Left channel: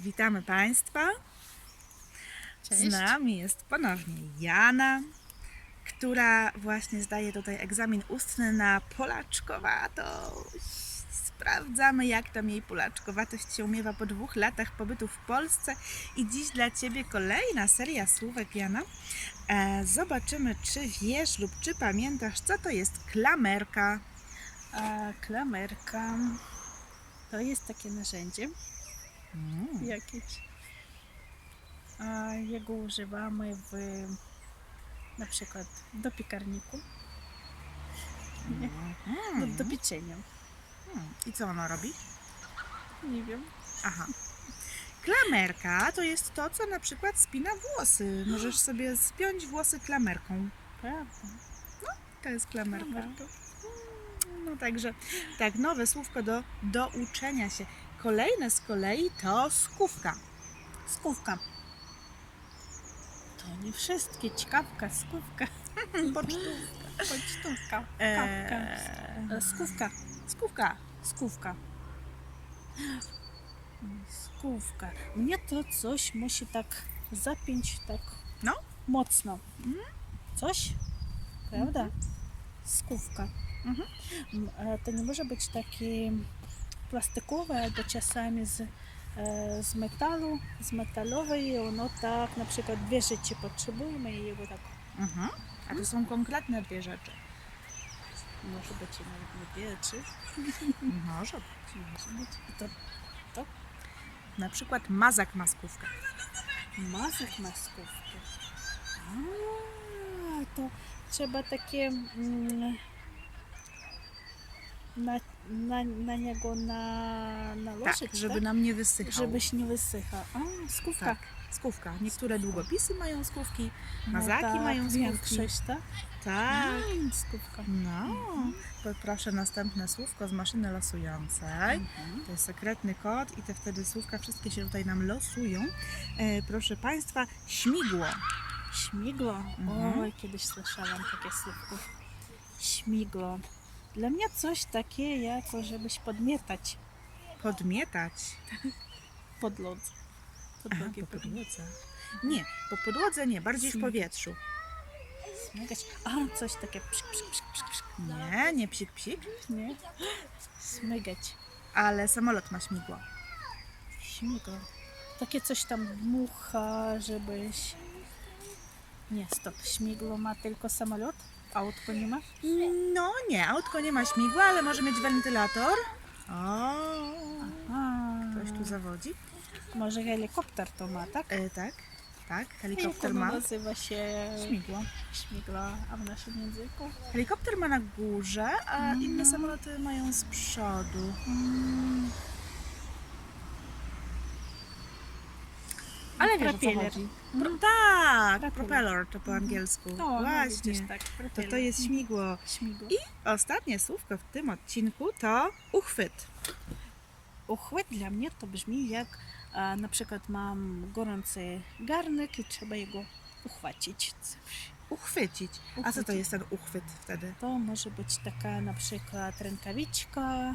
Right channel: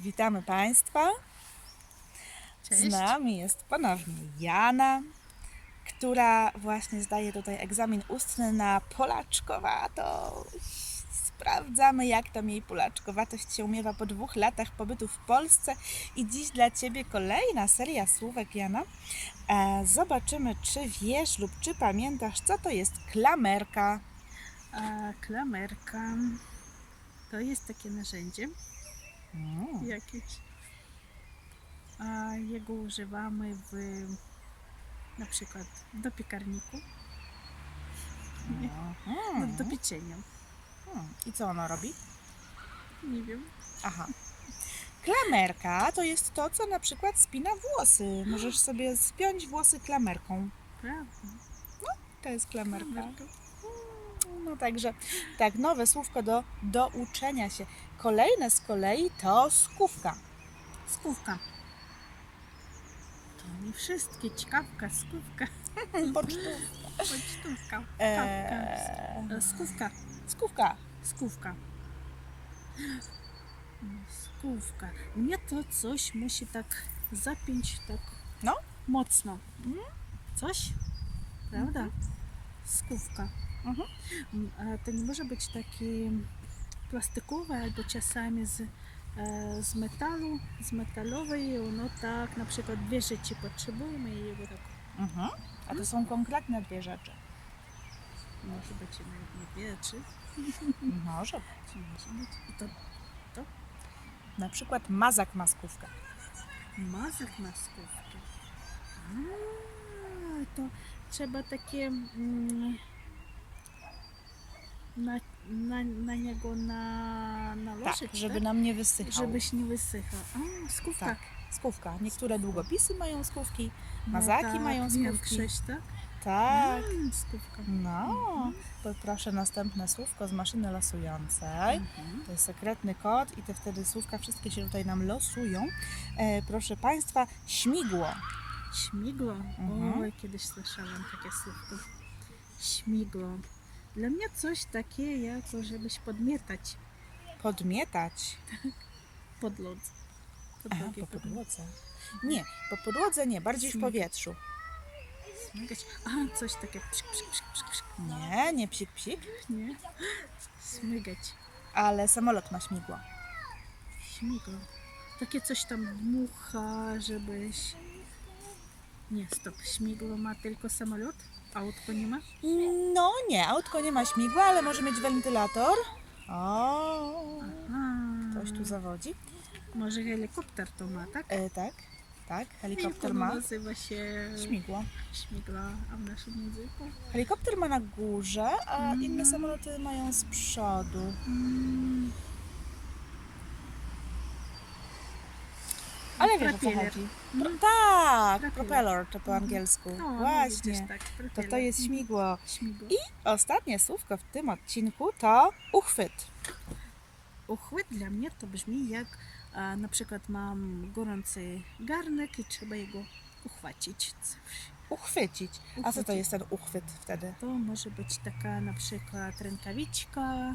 Witamy Państwa. Cześć. Z nami jest ponownie Jana, która właśnie zdaje tutaj egzamin ustny na polaczkowatość. Sprawdzamy, jak tam jej polaczkowatość się umiewa po dwóch latach pobytu w Polsce. I dziś dla Ciebie kolejna seria słówek, Jana. E, zobaczymy, czy wiesz lub czy pamiętasz, co to jest klamerka. A klamerka to jest takie narzędzie Mm. jakieś. A jego używamy w na przykład do piekarniku, nie? do, Mhm. do pieczenia. Hmm. I co ono robi? Nie wiem. Aha. Klamerka to jest to, co na przykład spina włosy. Możesz sobie spiąć włosy klamerką. Prawda. To jest klamerka. Klamerka. No także, tak, nowe słówko do, do uczenia się. Kolejne z kolei to skówka. Skówka. To nie wszystkie. Ciekawka, skówka, Pocztówka. pocztówka. Eee, Skówka, skówka. skówka. Skówka. Mnie to coś musi tak zapiąć tak No. mocno. Mhm. Coś? Prawda? Skówka. Mhm. M, e, To nie może być takie czasami z, e, z metalu, z metalowej i ono tak na przykład dwie rzeczy potrzebujemy i jego tak Mhm. A to są konkretne dwie rzeczy. może być i nawet dwie czy Może. może być. I to Na przykład mazak ma skówkę. Mazek na skówkę. A, to trzeba takie mm, na, na, na niego na, nałożyć, Tak, żeby tak? nam nie wysychał. Żebyś nie wysychał. A, skówka. Tak, skówka. Niektóre długopisy mają skówki. No mazaki tak, mają skówki. Większość, tak? Tak. Mm, skówka. No, poproszę następne słówko z maszyny losującej. Mhm. To jest sekretny kod i te wtedy słówka wszystkie się tutaj nam losują. E, proszę Państwa, śmigło. Śmigło. Mhm. Oj, kiedyś słyszałam takie słówko. Śmigło. Dla mnie coś takie, jako żebyś podmietać Podmietać. podlodze. Aha, po podłodze. Nie, po podłodze nie, bardziej w powietrzu. Smygać. A, coś takie psik, psik, psik, psik, psik. Nie, nie psik psik, Nie? Smygać. ale samolot ma śmigło. Śmigło. Takie coś tam dmucha, żebyś... Nie, stop. Śmigło ma tylko samolot? Autko nie ma? No nie, autko nie ma śmigła, ale może mieć wentylator. O, ktoś tu zawodzi. Może helikopter to ma, tak? E, tak, tak, helikopter ono ma nazywa się śmigło. śmigła, a w naszym języku? Helikopter ma na górze, a Mm. inne samoloty mają z przodu. Mm, Ale wiesz, propeller. Mhm. Tak, Propeller. propeller to po angielsku. No, no Właśnie. widzisz, tak. To to jest śmigło. Śmigło. I ostatnie słówko w tym odcinku to uchwyt. Uchwyt dla mnie to brzmi jak a, na przykład mam gorący garnek i trzeba jego uchwycić. Uchwycić. A co to jest ten uchwyt wtedy? To może być taka na przykład rękawiczka,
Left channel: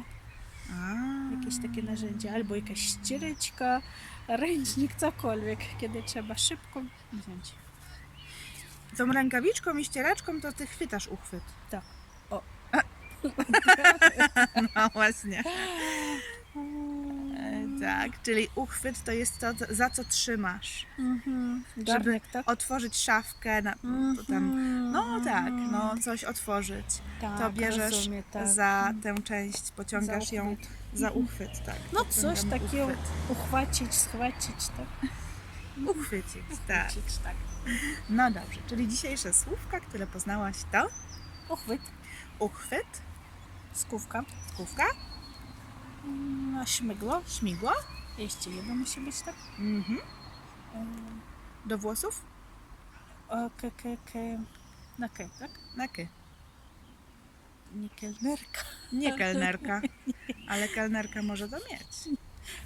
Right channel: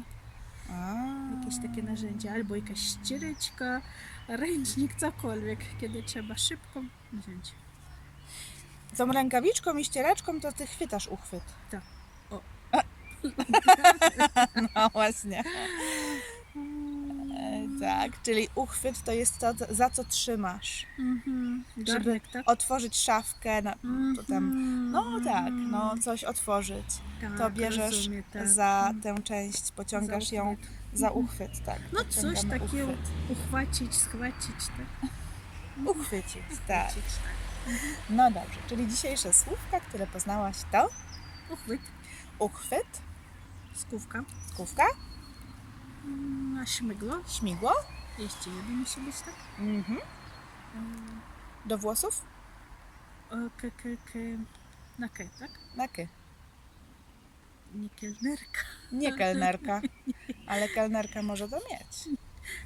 A. jakieś takie narzędzie, albo jakaś ściereczka, ręcznik, cokolwiek, kiedy trzeba szybko wziąć. Tą rękawiczką i ścieraczką to ty chwytasz uchwyt. Tak. O. No właśnie. E, tak, czyli uchwyt to jest to, za co trzymasz. Mhm. Garnek, tak? Otworzyć szafkę, na, tam, Mhm. no tak, no coś otworzyć. tak, to bierzesz rozumiem, tak. Za tę część, pociągasz Za ją. Za uchwyt, tak. No coś takiego. Uchwyt. Uchwycić, schwycić, tak? Uchwycić, tak. Uchwycić, tak. No dobrze, czyli dzisiejsze słówka, które poznałaś to Uchwyt, uchwyt, skówka, skówka, mm, a śmigło. śmigło Jeszcze jedno musi być, tak? mhm. Ym, do włosów, o, K, K, K, na K, tak? na ky. Nie kelnerka, Nie kelnerka, ale kelnerka może to mieć.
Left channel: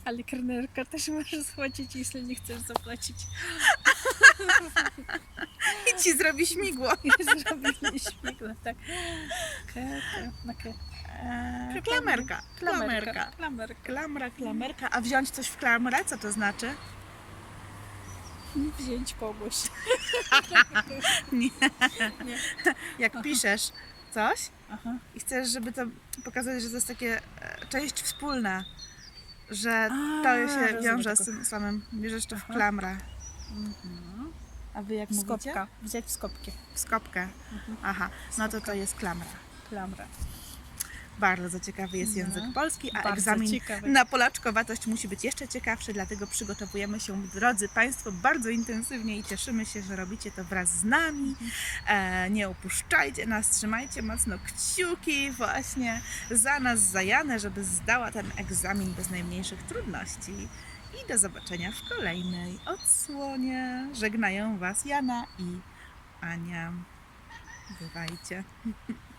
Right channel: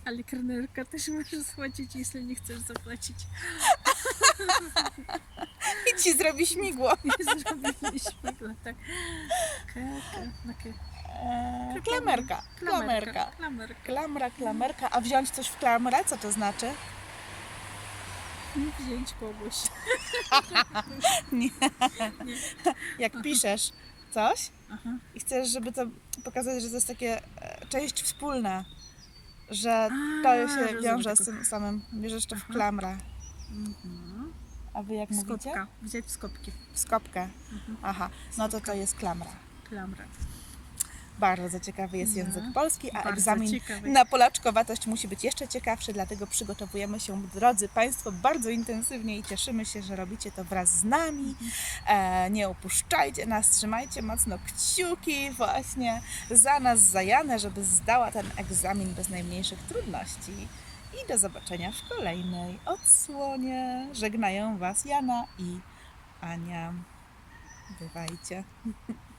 ale kelnerka też może schwycić, jeśli nie chcesz zapłacić. I ci zrobi śmigło. Zrobili śmigło, tak. K, K, na K. E, klamerka, klamerka. Klamerka. Klamra, klamerka. A wziąć coś w klamrę, co to znaczy? Wziąć kogoś. Jak piszesz coś Aha. i chcesz, żeby to pokazać, że to jest takie e, część wspólna, że A, to się rozumiem wiąże z tylko. tym samym. Bierzesz to w Aha. klamrę. Mhm. A wy jak mówicie? Skopka. Wziąć skopki. W skopkę. Mhm. Aha, no to to jest klamra. Klamra. Bardzo ciekawy jest No. język polski, a Bardzo egzamin ciekawy. na polaczkowatość musi być jeszcze ciekawszy, dlatego przygotowujemy się, drodzy Państwo, bardzo intensywnie i cieszymy się, że robicie to wraz z nami. E, nie opuszczajcie nas, trzymajcie mocno kciuki właśnie za nas, za Janę, żeby zdała ten egzamin bez najmniejszych trudności. I do zobaczenia w kolejnej odsłonie. Żegnają Was Jana i Ania. Bywajcie.